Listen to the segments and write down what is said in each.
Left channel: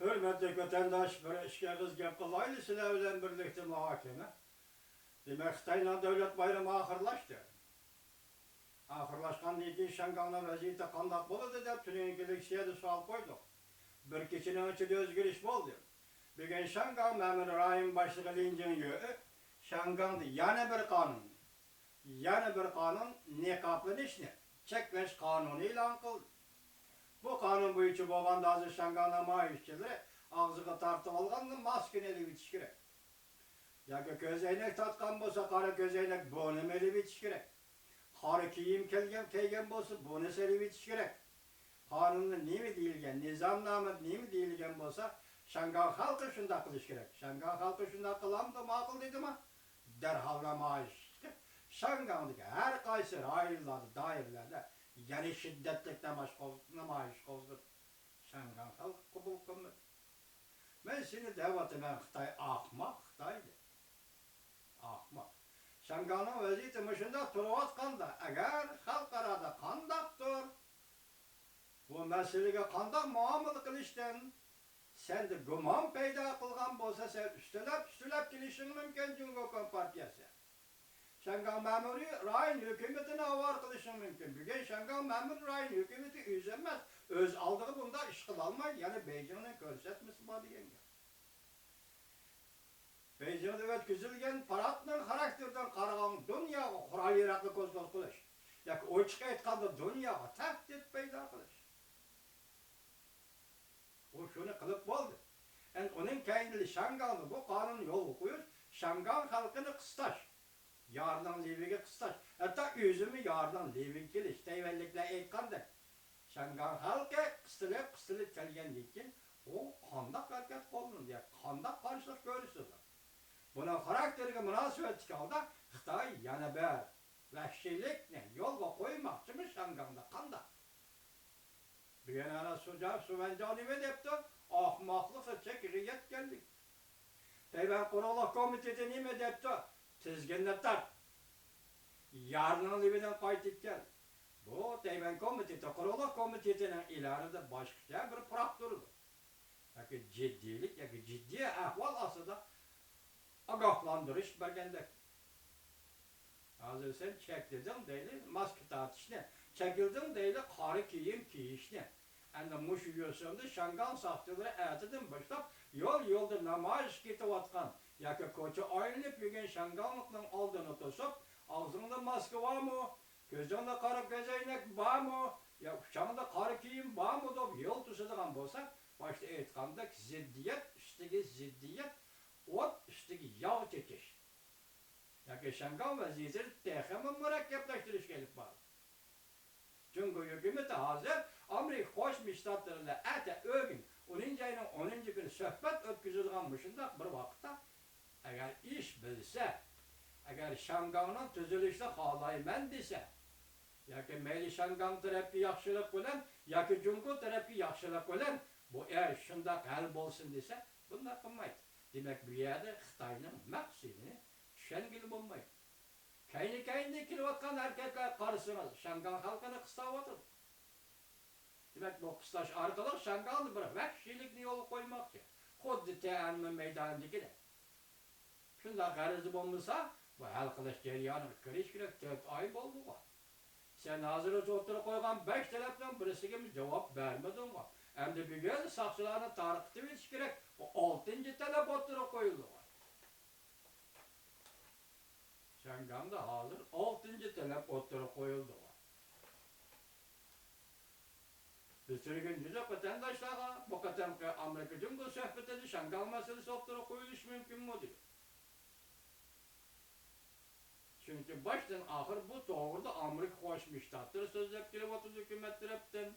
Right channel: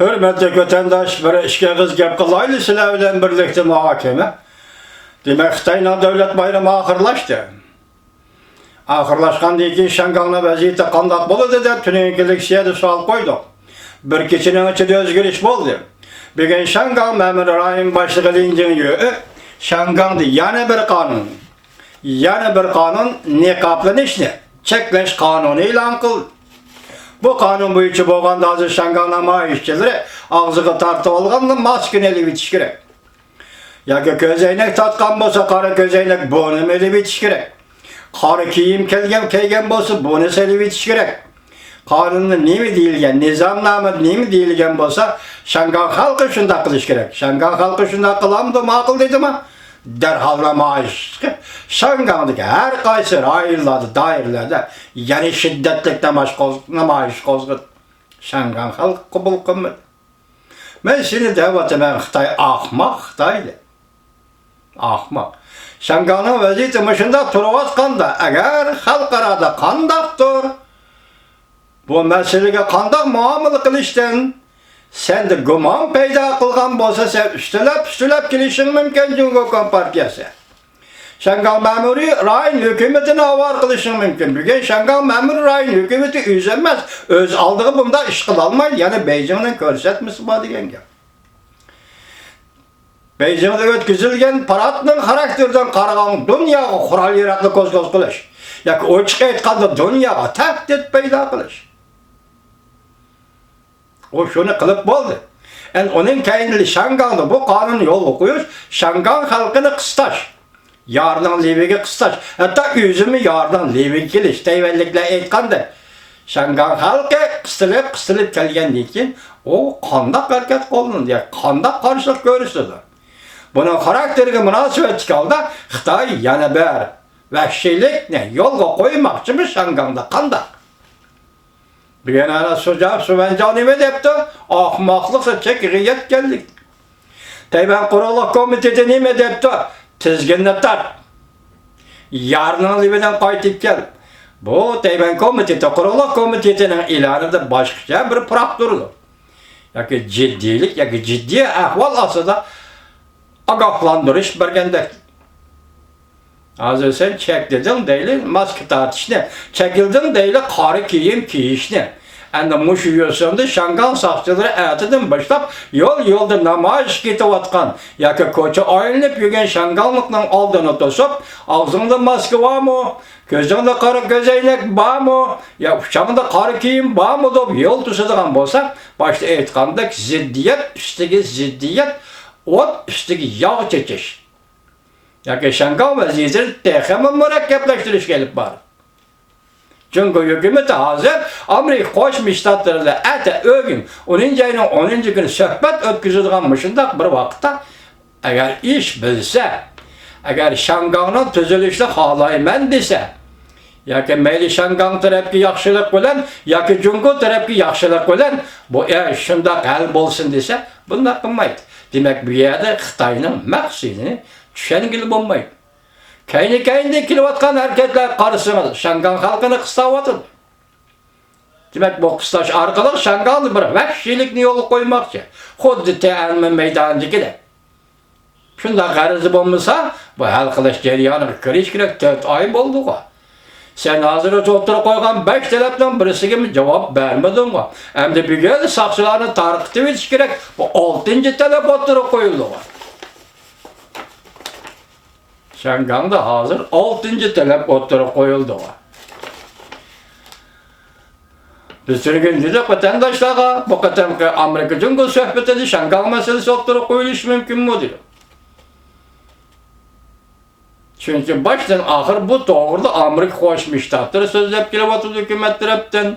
Hürmetli vatandaş, bir işe kız gap kılaylı sizler bilen birlikte muhakeme. Demek Xitayla devlet bayramı ahırlaştı. Ahırlaşkan ki Şangalna vaziyeti kandak boladı da tünenkilik siyade sual koyduk. Bir keçinin içinde özgürlük oldu. Bir gün Şangal memur rayın başlığı lincinliyor. Şangal'da yana bir kanun. Yana bir kanun ne kaplanış ne? Çekleş kanunu ilan kıldı. Bu kanun boyunca boğanda azı Şangalna maaşçıları ağzıga tartıp alğanda maskın eli bitiş gerek. Yaki közeynek tatkan bolsa kara közeynek bonum eli bitiş gerek. Kara kiyim keygen bolsa bonus eli bitiş gerek. Kanunun nemi deyilgen, nizamnamı nemi deyilgen bolsa Şangal halkı şunda kılış gerek. Şangal halkı şunda kılamdı makıl dedi mi? Derhalda maaş. Şangal'daki her kaysı rayırladı, dairlerde yani şiddetlik maaş kozgıt. Şangal halkı kubul kımmet. Ben şimdi devatı ben Xitay ahmak Xitay'dı. Ahmak. Şangal'ın vaziyeti başında turvatkan da eğer halkarada kandaktır, bu meseleye kandak muamele kılıştın, sen de güman peyda kılgan bolsa sen üstülep kilişin mümkün Cumhuriyet Kompartiyası. Şangal memuri rayın hükümetine avar kılışın mümkün. Bugün Şangal memuri rayın hükümeti üzülmez. Öz aldığı bunda işgal almayın. Yani Beijing'in körsetmesi var diyen gel. Beijing'de ötküzülgen paratının karakterden karagan dünyaya kural yaratlı koz kılış. Yani o çıkayet kaldı dünyaya tehdit peyda kılış. O şunu kılıp oldu. Yani onun kendini Şangal'da bu kanun yol okuyor. Şangal halkını kıstaş. Yardan Livi'ye kıstaş. Hatta yüzümü yardan Livi'ye geliş. Teyvellikle etkandı. Şangal halkı kıstılıp gelgen için o kandak hareket kolunun diye kandak karşılık görürsüdür. Bunun karakterine münasebet çıkaldı. Xitay yana ber vahşilik ne yolga koymak için Şangal'da kandak. Bir yana sıcak süvencan ime depti, ahmaklıksa çekiriyet geldik. Tayvan Kuruluk Komiteti ime depti, tizginletler. Yarının libiden kaytıp gel. Bu Tayvan Komiteti, Kuruluk Komiteti'nin ilanında başka bir prakturdu. Yani ciddilik, yani ciddi ahval aslında agahlandırış bergendek. Hazır sen çekdin değil, maske tartış ne? Çekildin değil, karı kiyim kiyiş ne? Yani muş yiyorsun Şangal saççıları erteden başlap yolda namaş gitiyatkan. Yaki koça ayrılıp yügen Şangallıktan aldığını tosup ağzında maske var mı? Gözünde karı gözeynek var mı? Ya uçağında karı kiyim var mı? Dop yol tutuduğun bolsak başta etkandık ziddiyet, üstteki ziddiyet, ot üstteki yağ çekiş. Yani Şangal vaziyetleri tekrar mürekkepleştiriş gelip var. Çünkü hükümeti hazır Amerika Koşmuş Ştatları'yla ete ögün 10. ayının 10. günü söhbet ötküzülganmışında bir vakitte eğer iş bilse, eğer Şangal'ın tüzülüşlü halaymen dese, ya ki meyli Şangal tarafki yaxşılık bilen, ya ki Cumhur tarafki yaxşılık bilen, bu şunda hal bolsun dese, bunlar kılmaydı. Demek bu yerde Xitay'ın maksidini düşen gibi olmaydı. Kayni kilovatkan hareketler karşısınız. Şangal halkını kıstavatın. Demek bu kıstaş arkalık Şangal'ı bir vahşilik yolu koymak için. Xuddi te'almin meydanıcı de. Şunda garızı olmasa bu halkılış ceryanı kiriş gerek 4 ay oldu o. Sen hazır oturup koygan 5 talepten birisi gibi cevap vermedin o. Hem de bir gün saksılarını tarıkıtı bitiş gerek. Bu 6. talep oturup koyuldu o. Şangal'da hazır 6. talep oturup koyuldu o. Bir sürü gün dedik vatandaşlara, bu kadar Amerika Cumhuriyeti sohbetinde Şangal meselesi oturup koyuluş mümkün mü diyor. Çünkü baştan ahır bu doğruda Amerika Koşmuş Ştatları sözlep kilovatı hükümet taraftan,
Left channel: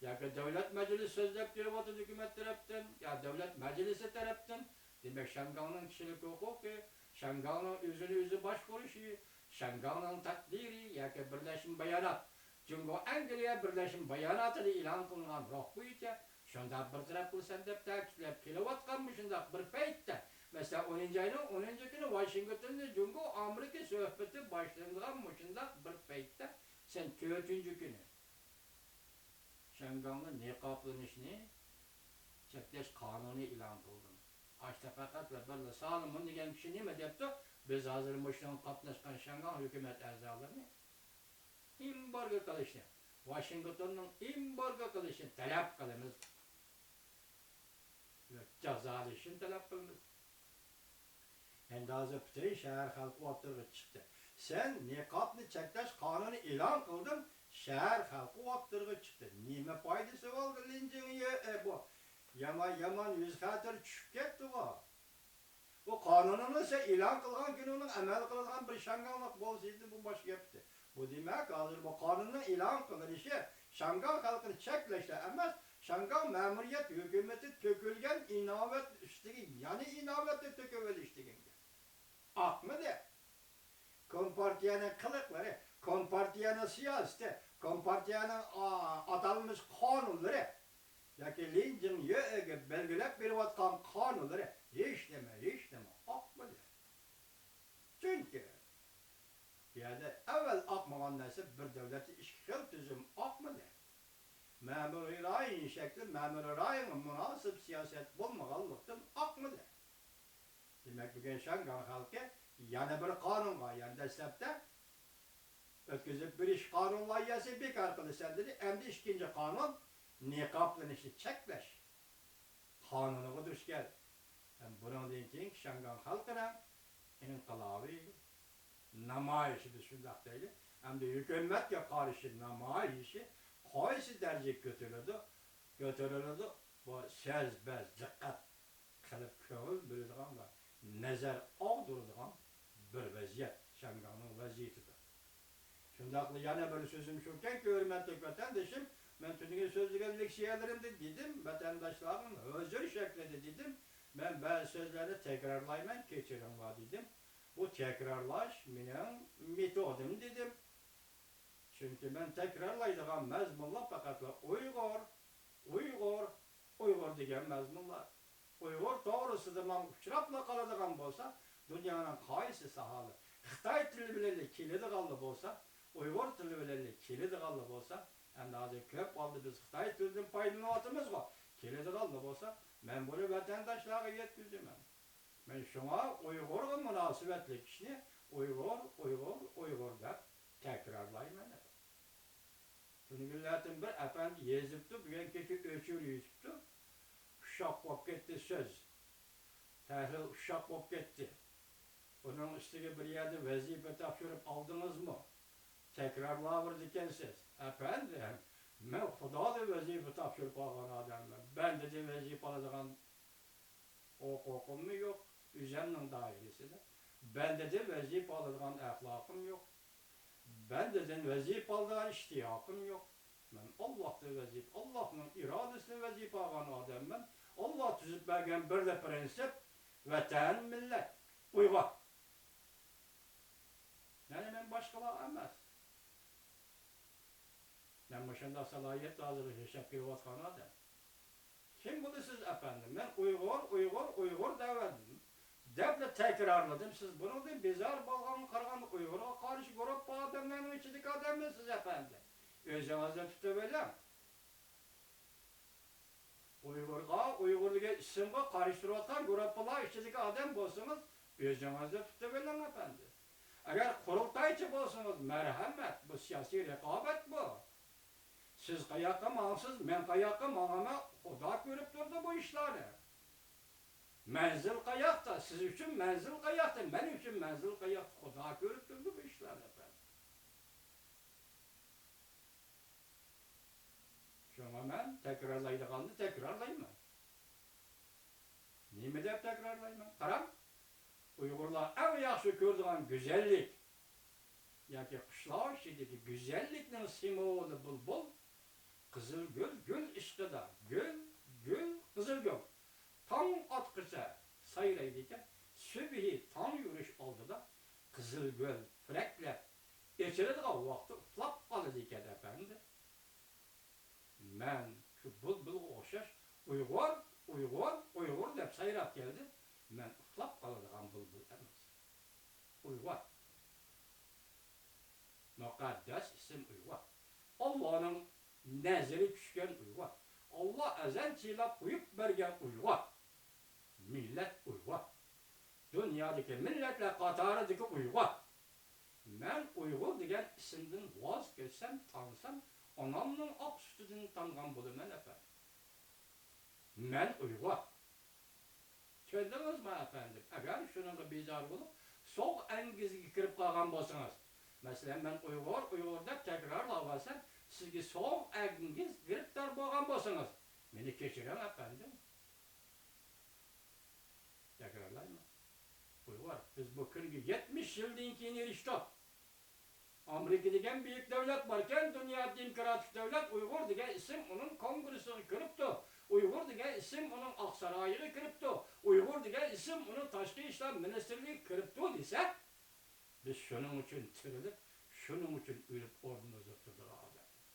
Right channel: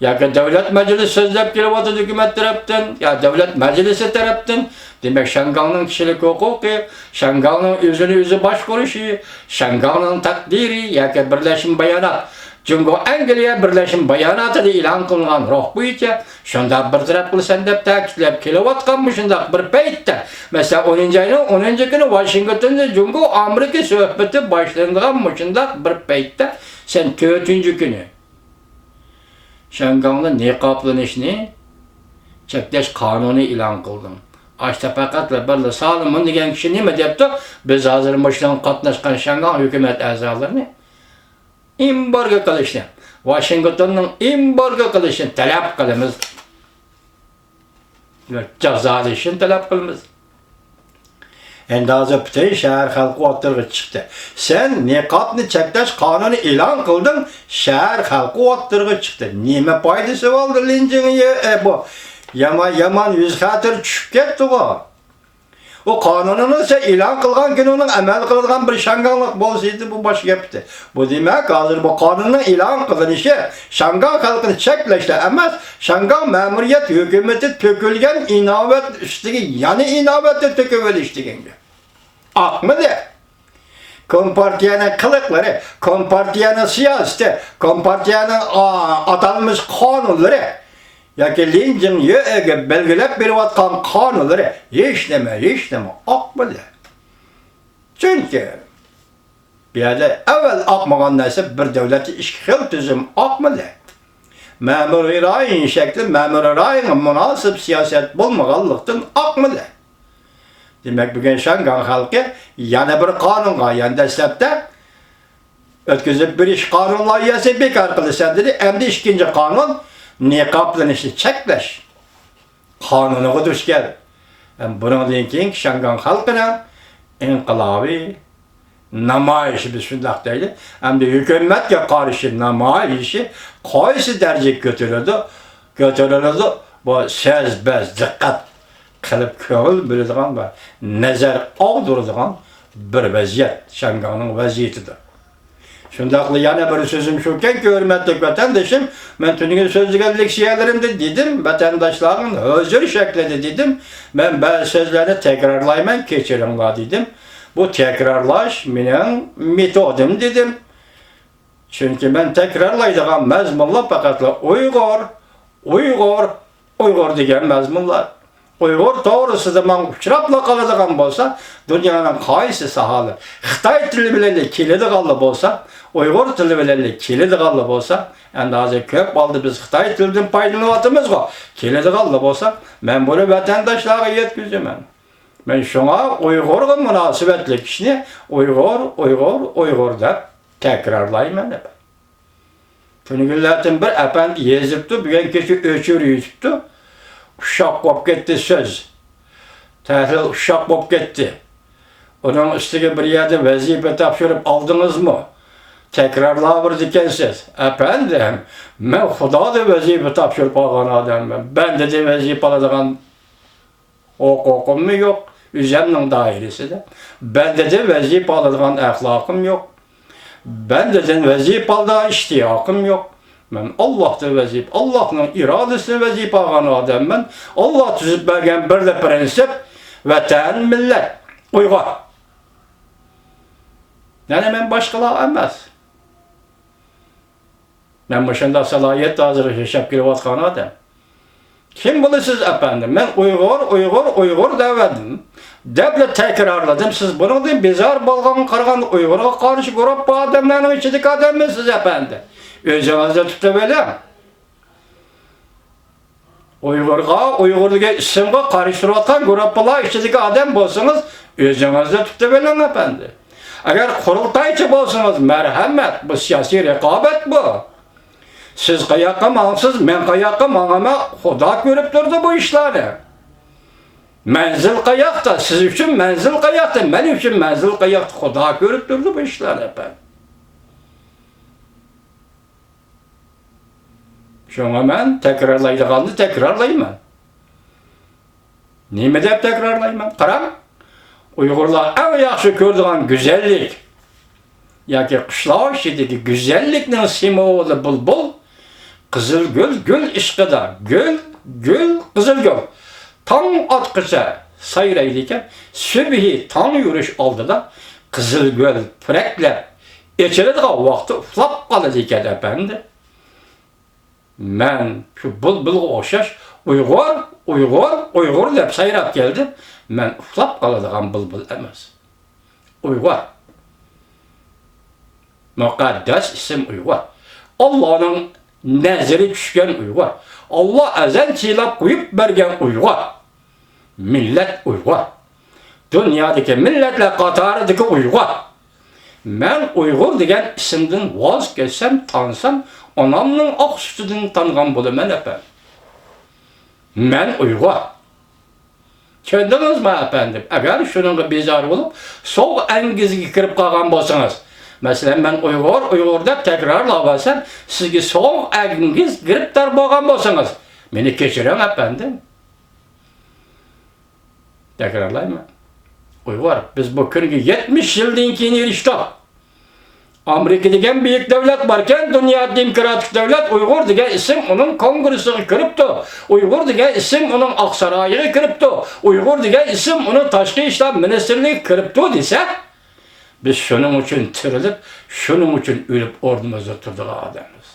ya ki devlet meclisi sözlep kilovatı hükümet taraftan, ya devlet meclisi taraftan, demek Şangal'ın kişilik hukuku, Şangal'ın yüzü başvuruşu, Şangal'ın takdiri, ya ki birleşim bayanat, çünkü Angliya birleşim bayanatı ilan kılınan ruh boyunca şunda bir taraf kılsan dep takitlep kilovat kalmışında bir peytte. Mesela 10. ayının 10. günü Washington'da çünkü Amerika sohbeti başlanmışında bir peytte sen 4. günü Şangal'ın ne kaplanışını çekleş kanunu ilan kıldın. Açta fakat ve böyle sağlamın degan kişi nima depti? Biz hazır başlan qatnaşkan Şangan hükümet azalarını embargo qilishni, Washingtonning embargo qilishini talab qilamiz. Cazalashini talab qilamiz. Endi hozir butun shahar xalqi o'tirg'i chiqdi. Sen niqobni cheklash qonuni e'lon qilding, shahar xalqi o'tirg'i chiqdi. Nima foydasi bo'ldi linjingga? Bu yaman yuz xatir tushib ketdi-ku. O qonununu ise ilan kılgan gününün emel kılgan bir şanganlık bolsaydı bu baş yaptı. Bu demek hazır bu kanunun ilan kılınışı Şangan halkını çekleşti emez. Şangan memuriyet hükümeti tökülgen inavet üstüge yani inavette töküveliştiğinde. Akmı de. Kompartiyanın kılıkları, kompartiyanın siyaseti, kompartiyanın atanmış kanunları yoki linjing yo'ga belgilab berayotgan qonunlari hech nima oqmadi. Chunki bu yerda avval oqmagan narsa bir davlatda ikki xil tuzum oqmadi. Ma'muriy ra'yin shakli ma'muriy ra'yinga munosib siyosat bo'lmaganlikdan oqmadi. Demak, bugun Şangan xalqi yana bir qonunga yana dastlabda o'tkazib berish qonun loyihasini bekor qilasan dedi. Endi ikkinchi qonun niqoblanishni cheklash qonuniga duch keldi. Bundan keyin Şangan xalqina inqilobiy namoyishi biz shunday deydi. Hamda hukumatga qarshi namoyishi qaysi darajaga ko'tariladi? Bu so'z-biz diqqat qilib ko'ngil bo'ladigan va nazar og'diradigan bir vaziyat Şanganning vaziyatidir. Şundaqlı yana bir sözüm şuken ki hürmetli vatandaşım, ben tünün sözlügen leksiyelerimde dedim, vatandaşların özür şeklede dedim, ben bazı sözlerini tekrarlayman, keçirimla dedim. Bu tekrarlaş benim metodim dedim. Çünkü ben tekrarlaydıgan mezmunlar fakatla Uygur degen mezmunlar. Uygur doğrusu zaman uçurapla kalıdığan bolsa, dünyanın qaysı sahalı, Xitay tili bilen kelidi qallı bolsa, Uygur tili bilen kelidi qallı bolsa, endi hozir ko'p boldi biz Xitay tilidan foydalanyapmiz-ku, kelidi qallı bolsa, men buni vatandaşlarga yetkizaman. Men şuna Uygurga munosabatli kishini Uygur deb takrorlayman. Tünügüllerden bir efendi yezipti, bugün kecha o'chir yutibdi. Uşaq bo'lib ketdi söz. Təhlil uşaq bo'lib ketdi. Onun üstüge bir yerde vazife topshirib oldingizmi? Tekrarlayıp ekansiz. Efendim, men Xudoda vazife topshirib olgan odamman. Bende de vazife oladigan huquqim yo'q. O'zimning doirasida. Bende de vazife oladigan axloqim yo'q. Bende de vazife oladigan ishtiyoqim yo'q. Ben Allah'ta vazip, Allah'ın iradesine vazip ağan adamım. Allah tüzüp bergen bir de prensip, vatan, millet, Uygur. Yani ben başkalığa emez. Ben başında salahiyet hazır yaşap girvatkan adam. Kim bulursunuz efendim? Ben Uygur demedim. Deple tekrarladım. Siz bunu da bizar balgan kargan Uygur'a karşı grup bu adamların içindeki adamısınız efendim. Özünüzde tutabilirim. Uygur'daki isimge karıştıratan gruplar içindeki adam bolsanız özünüzde tutabilirim efendim. Eğer kurultaycı bolsanız merhamet, bu siyasi rekabet bu. Siz kayakka mansız, men kayakka manama Xudo görüp durdu bu işleri. Menzil kayakta, siz için menzil kayakta, men için menzil kayakta Xudo görüp durdu bu işleri efendim. Şuna men tekrarlaydıqanını tekrarlayman. Nime dep tekrarlayman? Qarang, Uygurlar en yaxshi ko'radigan güzellik yoki qishloq ichidagi güzellikning simvoli bulbul, qizilgul gul ishqida, gul qizilgul. Tong otqicha sayraydi ekan, subhi tong yurish oldida qizilgul puraklab echiradigan vaqti uxlab qoladi ekan efendi. Men şu bulbulga o'xshash Uygur deb sayrab keldim. Men uxlab qoladigan bulbul emas. Uygur. Muqaddas isim Uygur. Allah'ın nazari tushgan Uygur. Allah ezel çiğlap koyup bergen Uygur. Millet Uygur. Dünyadaki milletle Katar'daki Uygur. Ben Uygur degen isimden vazgeçsem, tansam, anamның ak sütüdün tanıgan bulumen efendim. Ben Uygur. Kendiniz mi efendim? Eğer şununla bezar olup, soğuk engizgi kirip kalgan bolsanız, mesela ben Uygur'da tekrarlamasam, sizge soğuk engiz giriptar bolgan bolsanız, beni keçirem efendim. Tekrarlayayım. Uygur, biz bu kırgı 70 yıldan keyin eriştik. Amerika degen büyük devlet varken, dünya demokratik devlet Uygur degen isim onun kongresini kiripti. Uygur degen isim onun Aksaray'ı kiripti. Uygur degen isim onun Taşkı İşler Ministerliği kiripti dese, biz şunun için tirilip, şunun için ölüp ordumuzda oturduk adamız.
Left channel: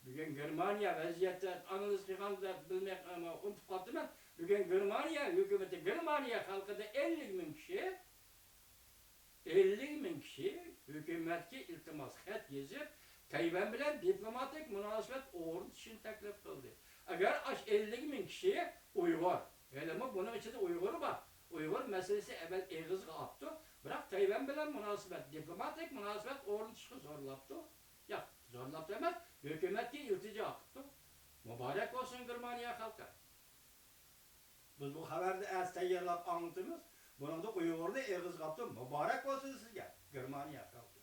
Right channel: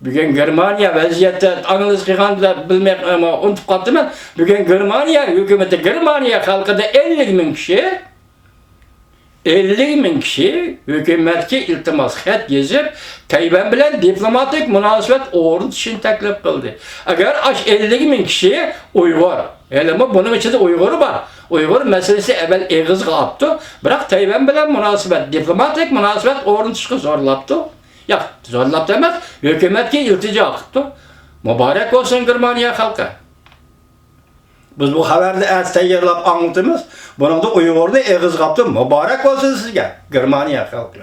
Bugün Germaniya vaziyette analiz kılganda bilmek ama unutup kaldım ben. Bugün Germaniya hükümeti Germaniya halkı da 50.000 kişi 50.000 kişi hükümetke iltimas xat yazıp Tayvan bilen diplomatik münasebet o'rnatishni taklif qildi. Agar 50.000 kişi Uygur, elimi bunun içinde Uygur'u var. Uygur meselesi evvel eğiz kaptı. Bırak Tayvan bilen münasebet, diplomatik münasebet o'rnatishga zorlaptı. Ya zorlap demez, hükümetke iltica qildi. Mübarek olsun Germaniya halkı. Biz bu haberde az tayyorlab anlatımız. Bunun da Uygur'da eğiz kaptı. Mübarek olsun sizge, Germaniya halkı.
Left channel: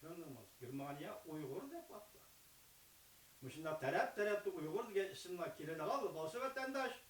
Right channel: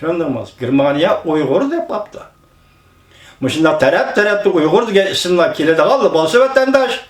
Şundurmaz. Germaniya Uygur dep kaptı. Muşunda taraf-tarafta Uygur degan isimlar keladi qaldi. Bolsa vatandaş